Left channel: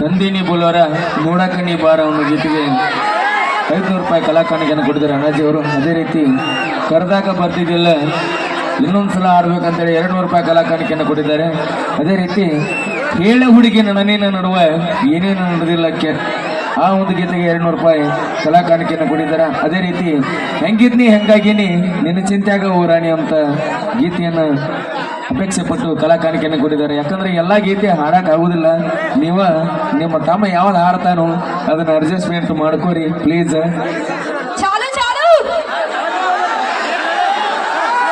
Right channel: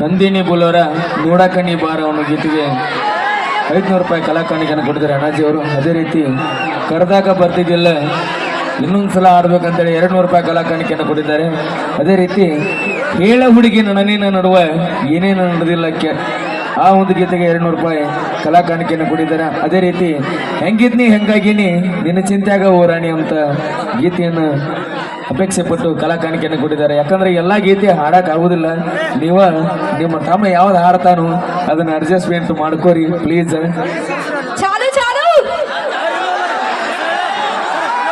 ತಂದಿನಿ ಬುಲೋರ ನೋಡಕಣ್ಣಿ ಬಾರ ಅವನ ಗೀತೆಗೆ ಐದುನೂರು ರೂಪಾಯಿ ಕಲಾಕಾಣಿಕೆಯನ್ನು ಕೊಟ್ಟಿದ್ದಾರೆ ಅಣ್ಣಾಜಿ ಅವರು. ಅದೇ ರೀತಿ ಕರೆದಾಗ ಬರ್ತಿದ್ದಿಲ್ಲ, ಇನ್ನೊಂದು ಸಲ ಆಡ್ಬೇಕಂತೇಳಿ ಎರಡು ನೂರು ರೂಪಾಯಿ ಕಲಾಕಾಣಿಕೆಯನ್ನು ಕೊಟ್ಟಿದ್ದಾರೆ. ಅದೇ ರೀತಿ ಹೇಳ ಹುಡುಗಿ ನನಿನ ನಡುವೆ ಏನೇನು ನಡೆದಿಲ್ಲ ಕೆ, ಆ ಒಂದು ಗೀತೆಗೆ ಎರಡು ನೂರು ರೂಪಾಯಿ ಕಲಾಕಾಣಿಕೆಯನ್ನು ಕೊಟ್ಟಿದ್ದಾರೆ. ಅದೇ ರೀತಿ ಹೆಂಗಿದ್ನಿ, ಹೆಂಗಾಗಿನಿ, ನಿನ್ನ ಚಿಂತ್ಯಾಗ ಹೋರಾಣಿ ಅಂತ ಗೀತೆಯನ್ನು ಅಪೇಕ್ಷೆ ಪಟ್ಟು ಕಲಾ ಕಾಣಿಕೆಯನ್ನು ಕೊಟ್ಟಿದ್ದಾರೆ. ಯಾಕಂದ್ರೆ ಎಲ್ಲ ಗೀತೆ ಹಾಡಕ್ಕೆ ಆಗೋದಿಲ್ಲ. ನೀವ ನಿಮ್ಮ ತಮ್ಮ ಯಾವ್ದು ಹಾಡ್ತಾನೋ ಅದನ್ನ ಅಡ್ಜಸ್ಟ್ಮೆಂಟ್ ಮಾಡ್ಕೋರಿ ಪ್ಲೀಸ್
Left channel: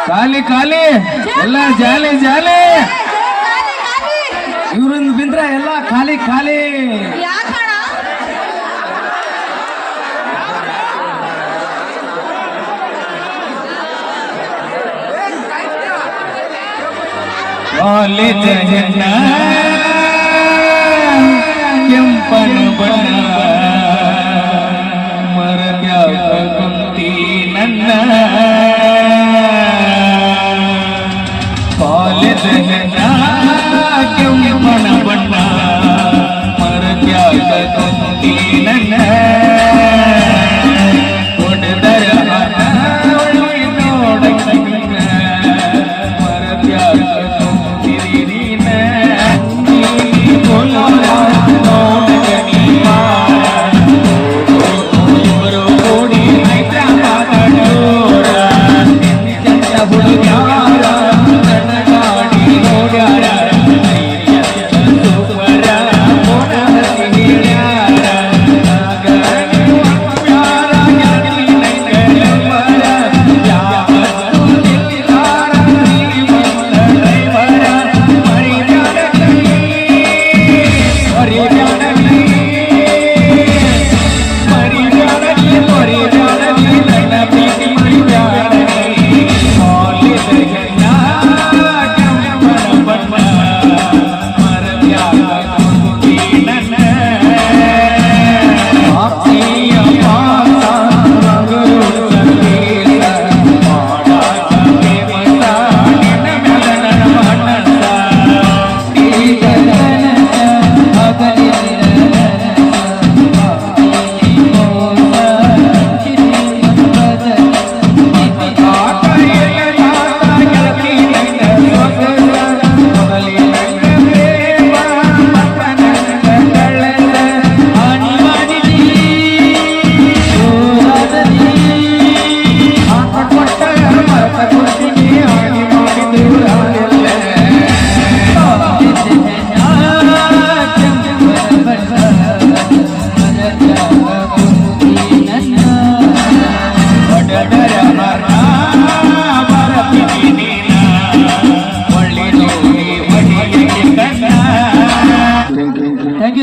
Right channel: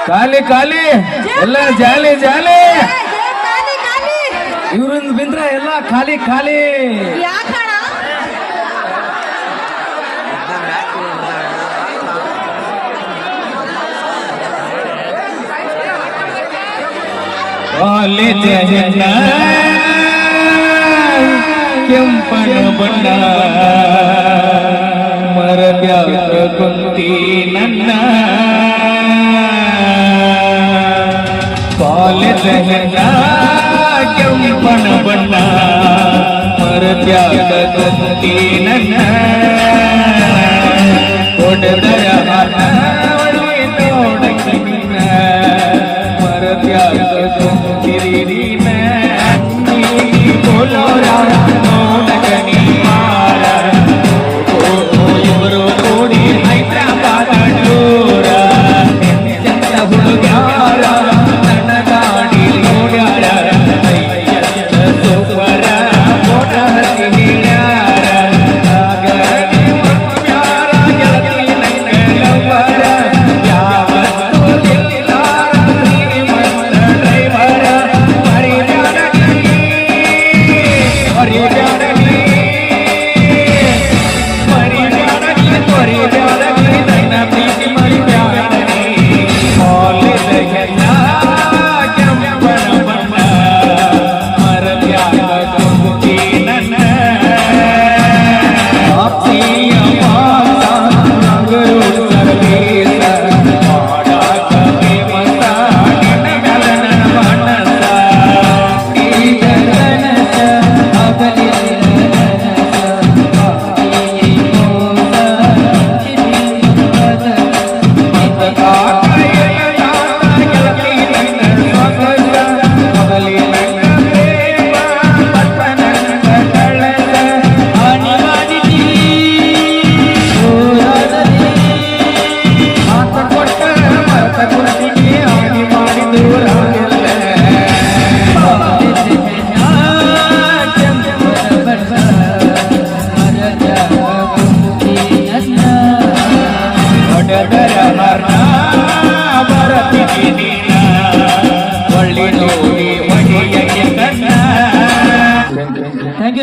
ಖಾಲಿ ಖಾಲಿ! ಎಲ್ಲ ಜಾಲಿ ಜಾಲಿ! ಇವ್ರಿಂದ ಬಿಂದ್ರೆ ಎಲ್ಲ ಖಾಲಿ ಖಾಲಿ! ಕಾಲೇಜ ಜನ ಕೆಂಪನ ಬಣ್ಣ ಮರಬ್ಯಾಕ ಕುಂತಿ ನನ್ನ ಕಾಲಿ ಜನ ಕೆಂಪನ ಬಣ್ಣ ಮರಬ್ಯಾಕ ಕುಂತಿ ನನ್ನ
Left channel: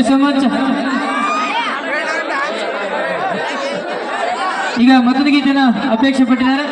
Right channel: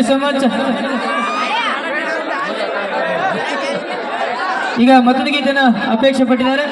ಥ್ಯಾಂಕ್ ಯು ಸೊ ಮಚ್ ಈಗ ಮತ್ತೊಂದು ಗೀತೆನ ಅಪೇಕ್ಷೆ ಪಟ್ಟಿದ್ದಾರೆ.